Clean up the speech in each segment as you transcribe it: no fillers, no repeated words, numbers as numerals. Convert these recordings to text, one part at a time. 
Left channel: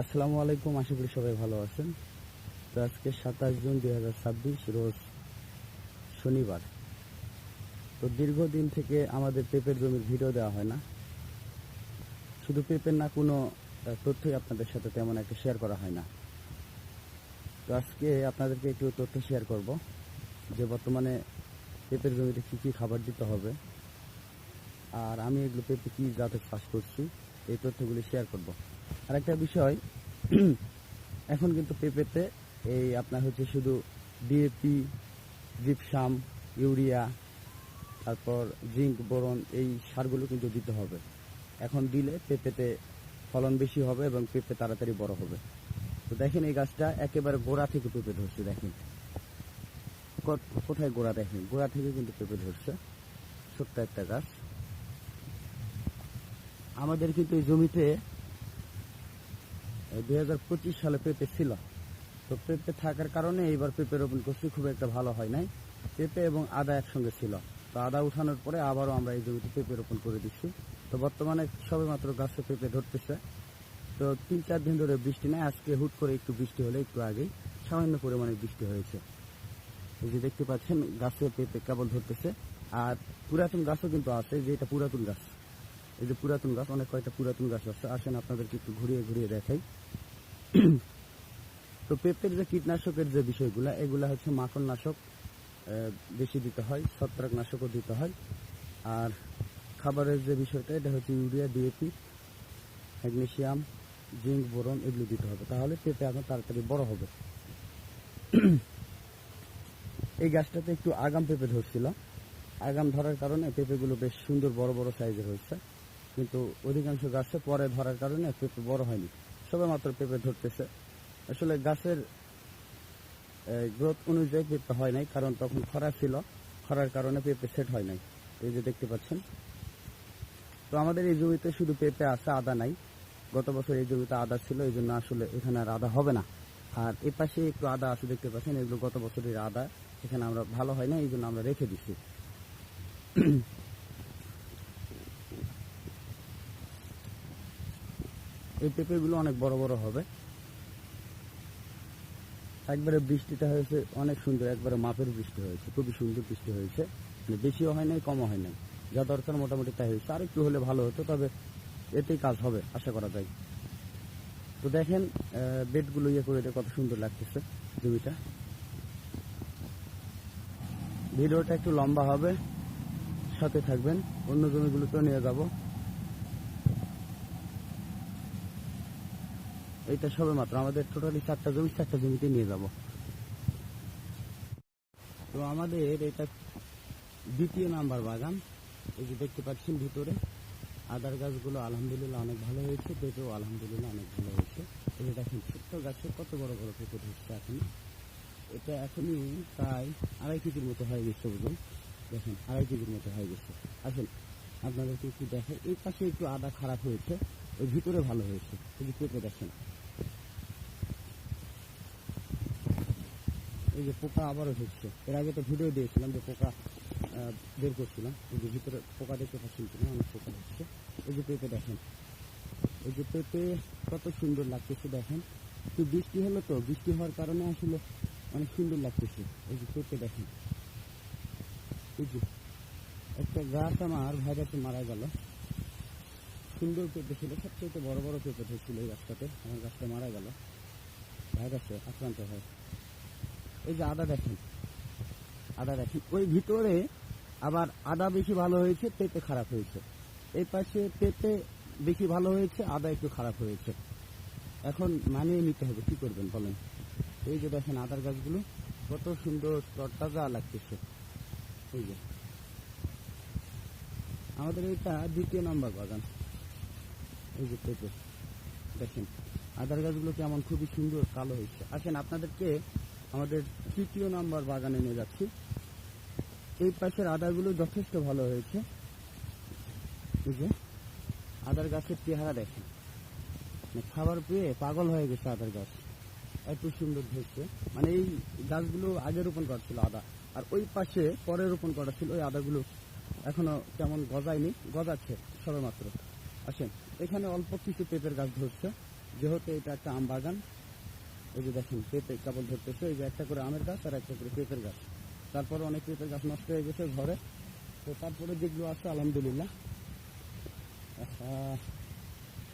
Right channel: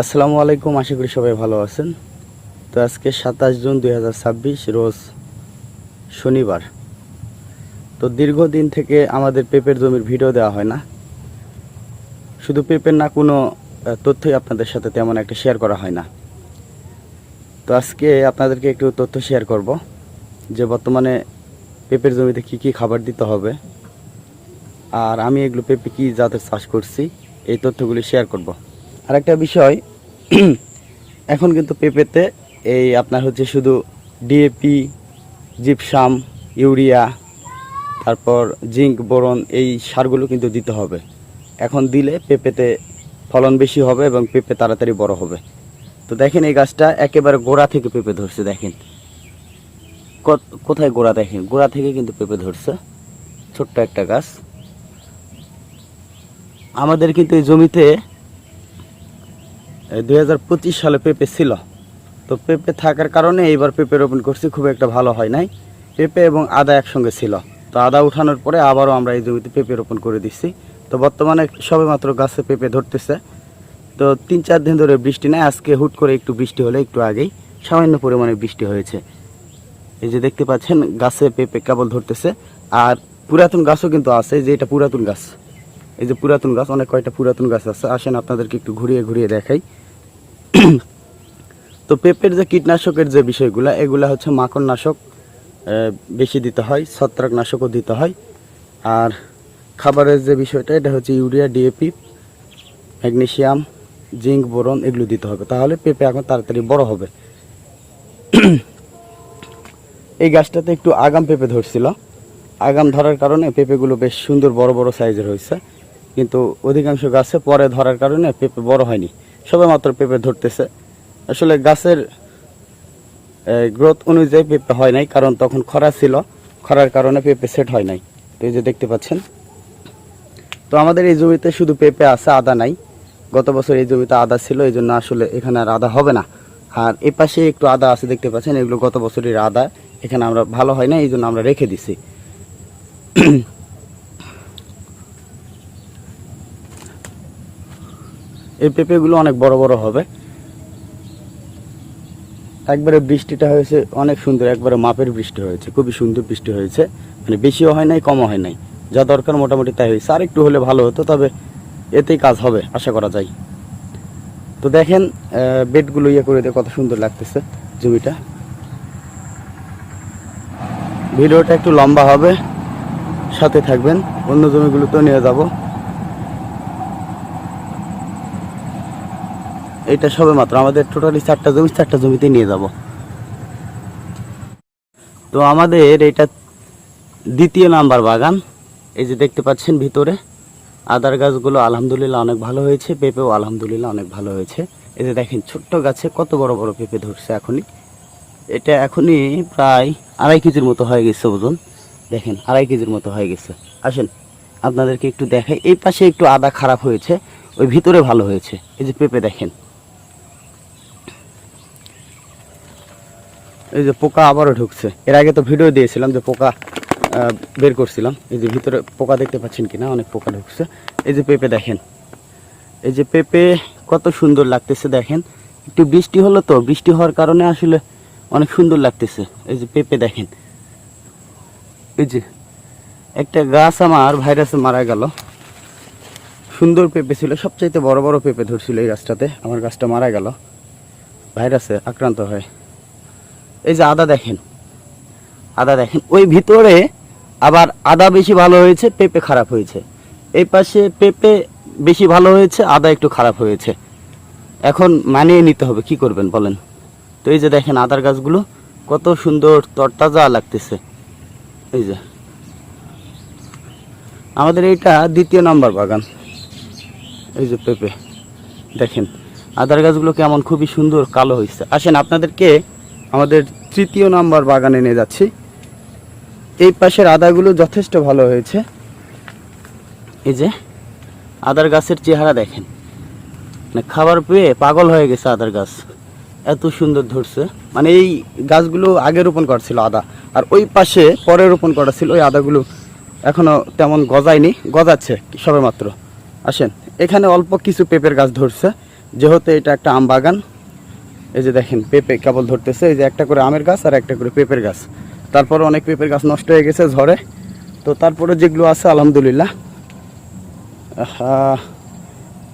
আসসালামু আলাইকুম, আশা করি সবাই ভালো আছেন। তো আজকে 27 জুন 2026 রোজ শনিবার। তো দীর্ঘদিন থেকে আমাদের পেঁপের জমির ভিডিও দেওয়া হয় না, শুধু পেঁপের না, কোনো তথ্যই আপনাদের সাথে তেমন একটা শেয়ার করা হয় না। তো আজকে আপনাদেরকে একটু তথ্য শেয়ার করব যে বর্তমানে পেঁপের জমিতে কি কি খাবার দিতে হবে, আর আমি এগুলো পেঁপে কী জাতের চাষ করছি এই তথ্যগুলি শেয়ার করব। আরেকটা বিষয়, এখন কিন্তু পেঁপেতে এই আপনার হচ্ছে শুধু ডিএপি, জিপসাম, ইউরিয়া, তারপর জিঙ্ক, বোরন, এই সারগুলো কিন্তু দিতে হবে। এখন দিলে পেঁপেতে ফলন বেশি হবে এবং পেঁপে তাড়াতাড়ি বড় হবে। তো দেখেন এই গাছটা একেবারে গোড়া থেকে পেঁপে ধরছে। দেখেন কোথায় গোড়া, দেখেন গোড়া থেকে কিন্তু পেঁপে ধরছে, ছোট্ট একটা গাছ। আমাদের কিন্তু এই জমিতে 2025 সালে পেঁপে ছিল। তো পেঁপে থাকার কারণে এইবার পেঁপে রোপণ করছি, খুব একটা ভালো হয় নাই। পেঁপে এবং আদা একসঙ্গে ছিল, তো আদা উঠানোর পরে আবারও আমরা এই জমিতে পেঁপে রোপণ করে দিচ্ছি। তো বর্তমানে সবেমাত্র গাছে পেঁপে ধরতেছে। তো 3-4 দিন ধরে বৃষ্টি নাই, আজকে হুট করে একটু বৃষ্টি হলে, একটু আগেই সামান্য পরিমাণে বৃষ্টি হয়েছে। এই যে দেখতে পাচ্ছেন গাছে পেঁপে কেবল ধরতেছে। আর পুরাতন গাছও কিন্তু আছে, যে এটা পুরাতন গাছ, এই যে পুরাতন গাছ, অনেক কয়টা পুরাতন গাছ আছে। আসেন আপনাদেরকে একটু ঘুরিয়ে ঘুরিয়ে দেখাই। তো পেঁপের যে কীটনাশকের যে বিষয়গুলো, এগুলা হচ্ছে মাকড়নাশক বেশি দিতে হয়, ছত্রাকনাশকও দিতে হয়। আর খাবারের যে বিষয়টা, এটা হচ্ছে urea, DAP, magnesium, zinc, boron, এগুলো দিতে হবে, তাহলে পেঁপে এখন তাড়াতাড়ি বড় হবে। এই গাছটাতে একটু আগাম পেঁপে ধরছিল, আগাম ধরার কারণে পেঁপেগুলো বেশ সুন্দর বড় বড় সাইজের হয়েছে। কিন্তু অধিকাংশ গাছে পরে ধরার কারণে পেঁপে বড় হয়নি, সবে মাত্র পেঁপে ধরতেছে। আসলে গাছের গ্রোথ অনুযায়ী পেঁপে হয় নাই, কারণ তখন খরা ছিল, খরার কারণে পেঁপে সেট হয় নাই। তো এই যে দেখতে পাচ্ছেন। তো আমাদের এই জমিতে শুধু পেঁপে আছে, আদা নাই। গত বছর এই জমিতে আদা ছিল, এই জন্য আসলে এখানে আর আদা হবে না। আর এ পাশে একটু আদা আছে, দেখতে পাচ্ছেন, এগুলো গত বছরের আদা, এখানে আমরা ভালো হয় না, এই জন্য আমরা রেখে দিছি। এই পেঁপেগুলো অনেক বড় বড় হবে। একবারে বৃষ্টিটা হয়েছে অনেক সুন্দর, একবারে মাপের বৃষ্টি হয়েছে, খুবই সুন্দর বৃষ্টি হয়েছে। মানে বেশিও হয় নাই, কমও হয় নাই, যা দরকার মোটামুটি তাই হয়েছে। আর একটু হলে ভালো হতো, তবে এতেই কাজ হবে আশা করা যায়। তো দেখেন বেডগুলো ইয়ে করে দিয়ে কত সুন্দর লাগতেছে জমিটা। ভিডিওটা একটু লম্বা হবে, সাথে থাকবেন, অন্য জমিগুলোতেও নিয়ে যাব। এটা সবে মাত্র আমাদের টোটালি 4টা জমি, 4টা জমিতে নিয়ে যাব। তো আমাদের এটা দ্বিতীয় নাম্বার বাগান। এই যে দেখতে পাচ্ছেন ভিতরে আদার গাছগুলো আলহামদুলিল্লাহ অনেক ভালো হয়েছে, পেঁপেও আলহামদুলিল্লাহ অনেক ভালো হয়েছে। এই যে দেখেন ছোট্ট গাছে কত বড় বড় পেঁপে ধরছে এখনই। এটা এখনই প্রায় 2.5 কেজির মতো হয়ে গেছে ওজন। দেখেন 2.5 কেজির মতো হয়ে গেছে। আসেন আপনাদেরকে একটু দেখাই। এই পাশে একটু আদা খারাপ হয়েছে, ওই ভিতরে ভালো হয়েছে। এই যে পেঁপে দেখেন, এই যে পোকা আবারও ঢুকছে। এর আগে তো ভিডিও দিয়েছিলাম যে পোকা বের করছিলাম। এই যে ভিতরে পোকা দেখতে পাচ্ছেন কিনা, অনেক পোকা ঢুকছে। এই যে পেঁপে দেখেন, এই যে পেঁপে কত সুন্দর লাগতেছে। দেখেন একটু বৃষ্টি হলো, তো বৃষ্টি হওয়ার কারণে আসলে অনেক সুন্দর লাগতেছে। এই যে পেঁপে দেখেন, এই যে একটা গাছ আমার ভাইরাসে মারা গেল, সুন্দর পেঁপে ছিল, সবচাইতে বড় বড় পেঁপে ধরছিল এই গাছটাতে, আমার গাছটা মারা গেল ভাইরাসে আক্রান্ত হয়। এই যে আদা দেখেন, আদা দেখেন, ওই ভিতরে আবার আদা বেশি ভালো হয়েছে, পেঁপে খারাপ হয়েছে। এই পাশে পেঁপে বেশি ভালো হয়েছে, আদা একটু খারাপ হয়েছে। এখন মানিয়ে নিতে হবে, কি করবেন বলেন। তো এই যে দেখেন আদার গাছগুলো কত সুন্দর তরতাজা লাগতেছে। এই যে আমাদের এইটা দ্বিতীয় নাম্বার বাগান। এই যে পেঁপে দেখেন, আদার গাছগুলো কেমন খুবই সুন্দর কালো হয়েছে। আসেন আপনাদেরকে আমাদের তৃতীয় নাম্বার বাগানে নিয়ে যাচ্ছি। এই পাশের আদাগুলো যথেষ্ট ভালো হয়েছে। এই যে আদার গাছের চেহারা দেখেন, মানে খাবার পেয়ে পাগল হয়ে গেছে আদার গাছ, এত সুন্দর ধরছে। মানে এই গাছগুলো আগে রোপণ করছিল আদা, আর ওই পাশে পরে রোপণ করা ছিল ওই আদাগুলো এখনো তেমন গজায়নি, গজাচ্ছে সবে মাত্র। আসেন এখানে অল্প কিছু পেঁপের গাছ ধরছে, যেহেতু এটা একটা আম বাগান, এই যে দেখেন পেঁপে কেবল ধরতেছে, এই যে একটা করে আমের গাছ আর একটা করে পেঁপের গাছ। তারপরে অনেক পেঁপের গাছ নষ্ট হয়ে গেছে ঝড়ে, তো তারপরে যেগুলো আছে আলহামদুলিল্লাহ।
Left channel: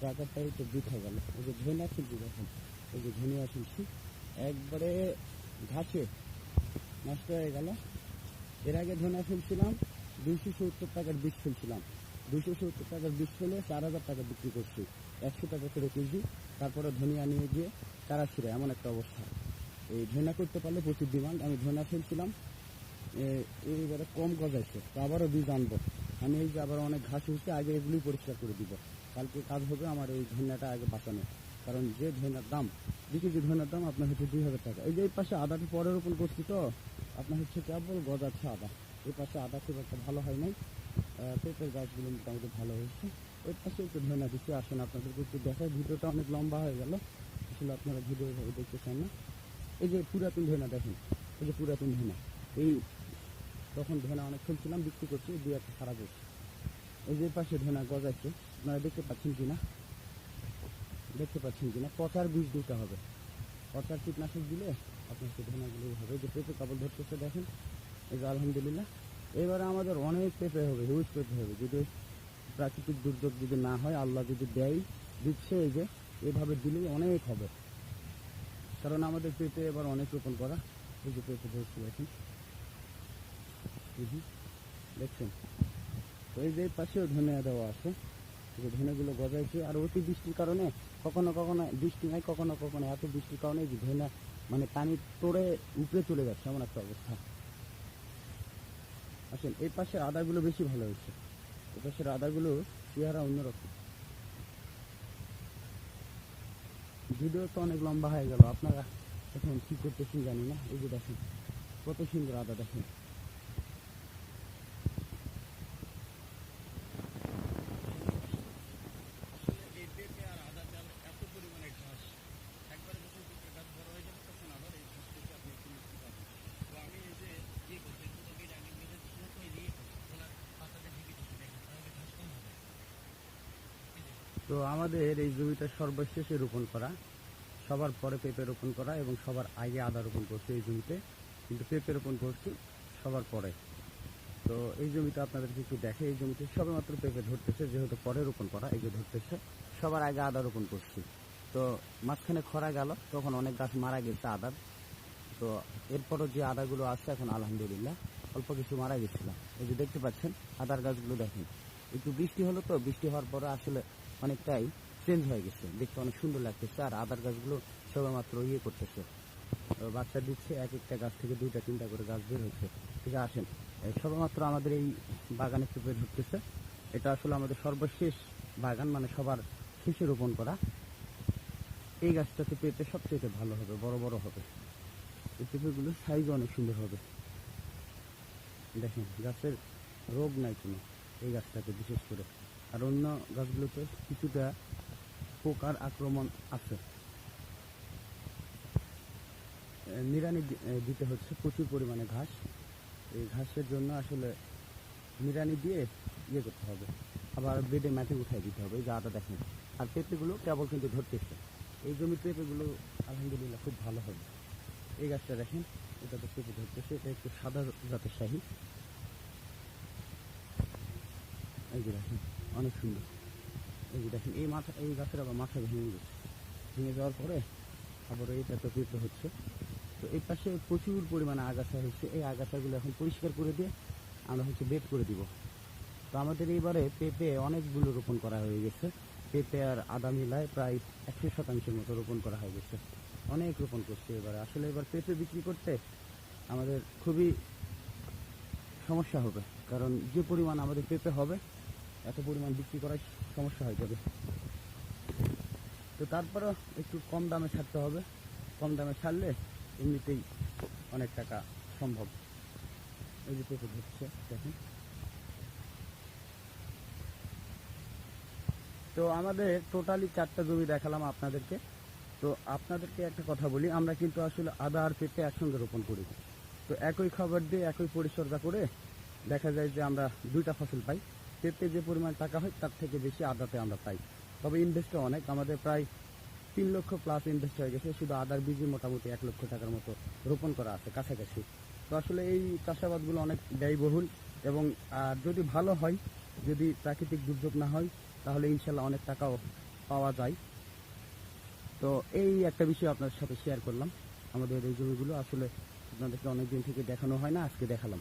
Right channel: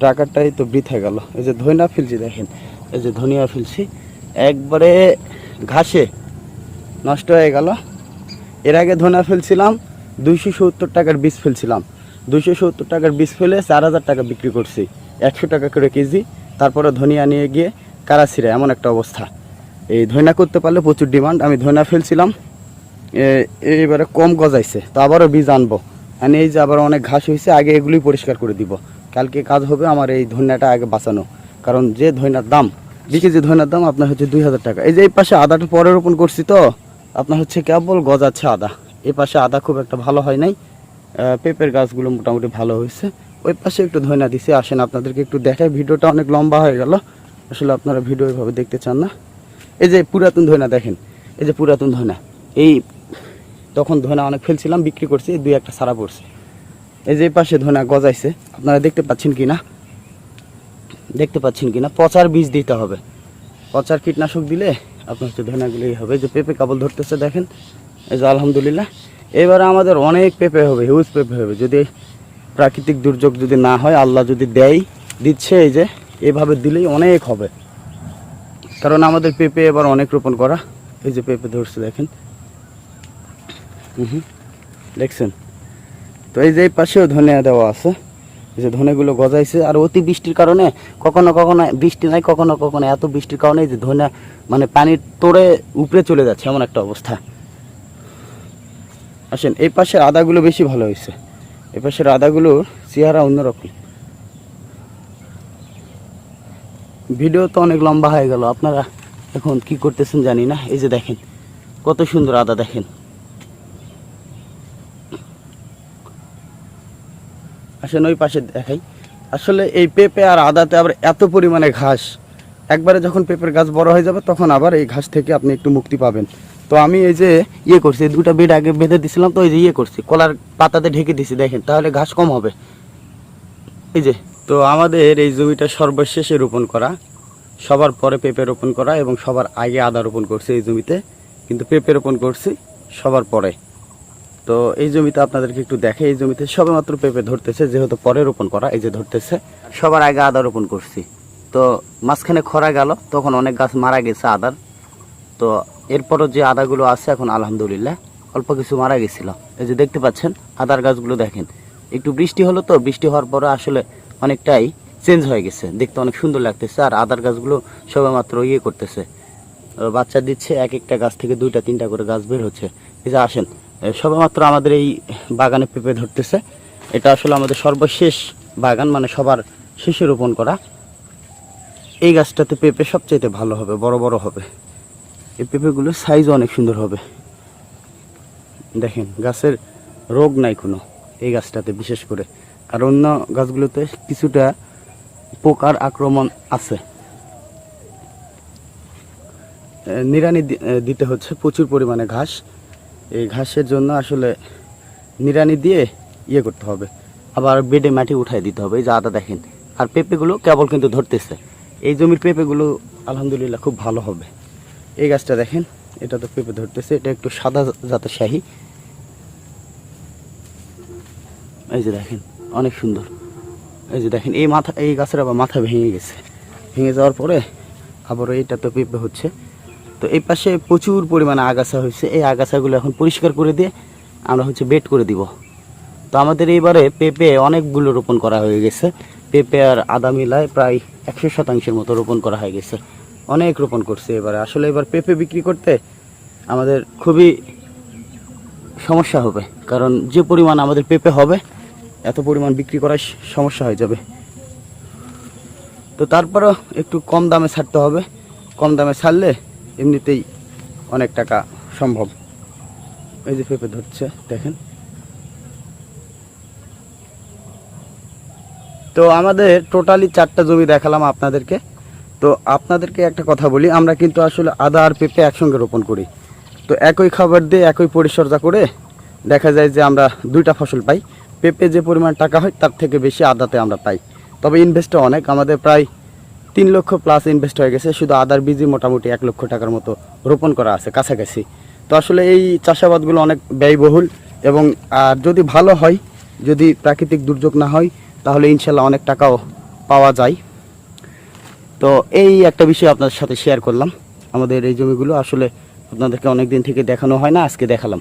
টাকাটাই তো বৃথা গেল। এই যে ধনিয়া ফেলছি দেখেন, এই যে ধনিয়া ফেলছি একবারে ঘাসে নষ্ট হয়ে গেল। এর আগে ধনিয়া ফেলছিলাম 270 টাকার বীজ ফেলছিলাম, 270 টাকার বীজ ফেলে 4000 টাকা বিক্রি করছি, 100 টাকা করে কেজি। তারপরে ধনিয়া নিয়ে গিয়ে কারাছিরা এমন একটা অবস্থা। এই ধনিয়া করতে পারলে প্রচুর ডিমান্ড। আমি ধনিয়া ফেলছিলাম, এইবারে কম গজাইছে, তো আবারও বীজ আনবো। মানে এই যে আবার অনেক ঘাস হয়েছে, আগে এগুলোই পরিষ্কার করে দিব। কালকে কাজ হবে আমার এই ধনিয়াটা আগে বাঁচানো, কারণ যে ধনিয়ার দাম, 2 কেজি ধনিয়ার দাম আপনার হচ্ছে 2000 টাকা। এই যে এই পাশে আদাটা পরে রোপণ করছি, তো আপনার হচ্ছে কেবল গজাচ্ছে আদা। এই পাশে আদা খুব একটা ভালো হয় নাই, পেঁপের গাছগুলো মোটামুটি ভালো হয়েছে। ওই পাশে একটু ধনিয়া দিছে। আসেন আপনাদেরকে একটু দেখাই, ভিডিওটা অনেক লম্বা হয়ে গেল, আসলে আপনারা ভিডিও এভাবে দেখতে চান না। এই যে পুরাতন ধনিয়া দেখেন, এই যে পুরাতন ধনিয়া, এই তখন ধনিয়া অনেক ফেলছিলাম, বিক্রি করছি, 2-1টা সারা পড়ছে। এই যে এই পাশে ধনিয়া গজাইছে, আপনারা দেখতে পাচ্ছেন কি না, দেখতে পাচ্ছেন কি না? পচার বীজ দিতে হবে, পচার কীটনাশক দিলে আপনার হচ্ছে ধনিয়াগুলোই হবে। যে পেঁপে কেবল ধরতেছে দেখেন, এই যে আলহামদুলিল্লাহ। এবারে আমাদের অনেক পেঁপে হবে, হিউজ পেঁপে হবে, যদি প্রাকৃতিক দুর্যোগ যদি না হয়, আল্লাহ যদি দেয়, দিচ্ছে, এই যে এভাবে দিলেই অনেক হবে। কারণ আমাদের পেঁপে এবার অনেক রোপণ করা। এই যে পেঁপে ধরছে দেখেন, দেখছেন? তো এই যে এই পাশেও ধনিয়া দেওয়া আছে, এই যে ধনেগুলো গজাইছে। আর অতি বৃষ্টির কারণে কখনো কখনো বৃষ্টি নাই, কখনো কখনো এত বৃষ্টির কারণে এই যে ধনিয়া মানে পানির তোড়ে উপরে চলে যাচ্ছে, এমন একটা অবস্থা। আসেন, এই পাশের আদাগুলো বেশি ভালো হয়েছে, এই পাশের আদাগুলোর চেহারা অন্যরকম। ভিডিও তো অনেক লম্বা হয়ে গেল, আপনারা এখন কি করতেছেন জানি না। এই যে দেখেন কত সুন্দর আদা, দেখেন। আসেন ওই পাশে দেখাই। আসলে এই পেঁপে আর আদাতে আবার এত পরিমাণে ঘাস, একবারে যখন পেঁপের গাছ বড় হয়ে যাবে তখন আবার এই ঘাস থেকে আপনি একটু মুক্তি পাবেন। তো আমি এই যে করছি, 2টা বেড আগে বেঁধে দিছিলাম, তো এই যে করছি, কলার পাতাতে ঢেকে দিছি, দেখেন, তাহলে ঘাস কম হবে। এই যে, তো আমাদের এই জমিটা সর্বশেষে রোপণ করা, সবার পরে পেঁপে রোপণ করা এবং সবার আগে আদা রোপণ করছি এই জমিতে, কিন্তু পেঁপে রোপণ করছি সবার পরে। তো এই জমিতে আপনাদেরকে একটু দেখে, এই জমিতে সবেমাত্র পেঁপে ধরতেছে, যেহেতু পরে রোপণ করা, এই যে ধরতেছে। সবার আগে আদা রোপণ করছি, তো মাঝখানে খরা গেল, তখন অনেক গাছ মারা গেছে আদার। তো এরপরও যে আদাগুলো আছে এখন আলহামদুলিল্লাহ অল্প কিছু মারা গেছিল। এই যে দেখতে পাচ্ছেন আদার গাছগুলো দেখেন, একটু বৃষ্টি হলো, তো বৃষ্টি হওয়ার পরে আসলে অনেকটাই চেঞ্জ হয়ে গেছে, দেখতে অনেক সুন্দর লাগতেছে। আর আদার গাছগুলো সবেমাত্র করতেছে, বাচ্চা দিচ্ছে, এক একটা গাছ থেকে 2টা-3টা করে গাছ বের হচ্ছে। এই যে আসেন, সবেমাত্র আমাদের এই বাগানে পেঁপে ধরতেছে। এটা আসলে আমাদের সর্বশেষ বাগান, মানে সবার শেষে রোপণ করা। এই গাছটাতে পেঁপে সবচাইতে ভালো হবে, বড় বড় হবে। এই পেঁপেগুলোর সাইজও অনেক সুন্দর হবে, দেখেন গাছের রোগ নাই কোনো এই গাছটাতে বিশেষ করে। আর অন্য গাছগুলোতে কিছুটা পোকার আক্রমণ আছে। নিড়ানি দিতে হচ্ছে, প্রচুর পরিমাণে ঘাস, এই ঘাসের জন্য আসলে নিড়ানি দিয়ে করতে হবে, আবার বেডে মাটি উঠাই দিতে হবে। এই যে আদা দেখেন, আর পেঁপেগুলো কেবল কিন্তু ধরতেছে। এই জমির পেঁপেগুলো আলহামদুলিল্লাহ খুব ভালো হবে। এই গাছটা দেখেন, এটা তো পেঁপে ধরতেছে, এটা একটু সাদা জাতের শাহী। এই যে দেখেন অনেক সুন্দর। এই যে দেখেন এই গাছের আবার মাথা ভেঙে গেছে, ভেঙে যাওয়ার পরে আবার এইটা তো পেঁপে হচ্ছে। তো এই পাশে প্রচুর পরিমাণে আগাছা হয়েছে, এই আগাছাগুলো এখন পরিষ্কার করে দিয়ে আমরা বেড করে দিব। তো আমাদের এইবারে পেঁপে অনেকগুলো রোপণ করা হয়ে গেছে, পেঁপে আর আদা মিলায় প্রায় 100% মতো রোপণ করা হয়ে গেছে, অনেক রোপণ করছে এবারে। আসলে এবার পেঁপে বিক্রি করতে আমাদের খুবই সমস্যা হবে, কারণ যে পরিমাণ আমাদের পেঁপে হবে এত পরিমাণ বিক্রি করার সমস্যা হয়ে যাবে। তো তারপরেও একটু কম দামে ছাড়তে হবে, কম দামে ছাড়লে এমনিতেই অনেক টাকা সম্ভব। এই যে পেঁপে ধরছে দেখেন। তো আমাদের টোটালি 4টা জমি দেখালাম আপনাদেরকে। তো আপনাদেরকে একটা কথা বলি, আমরা কিন্তু আসলে আদা আর পেঁপে একসঙ্গে রোপণ করি। তো একই খাবার দিয়ে একই পরিচর্যা করে দেখা যায় যে আমরা 2টা ফসল পাই। পেঁপে যে পরিমাণ টাকা হয় তার থেকে বেশি আদাতে আমরা পাই, তবে ইনভেস্টটা অনেক, আমাদের প্রায় 3 লক্ষ প্লাস ইনভেস্ট হয়ে গেছে, শুধু আদার বীজই মোটামুটি 1 লক্ষ টাকার মতো রোপণ করা আছে কাছাকাছি। তো আসলে এই চাষাবাদগুলো অনেক ব্যয়বহুল এবং আর যদি ভালো হয়, যদি প্রাকৃতিক দুর্যোগ না হয়, তাহলে ইনশাল্লাহ অনেক টাকাও পাওয়া যায়। তো এই একটা বিষয় আপনাদের সাথে শেয়ার করলাম। আমাদের এই জমিগুলো আসলে আপনাদেরকে অনেক দিন থেকে দেখানো হয় না, আজকে দেখালাম।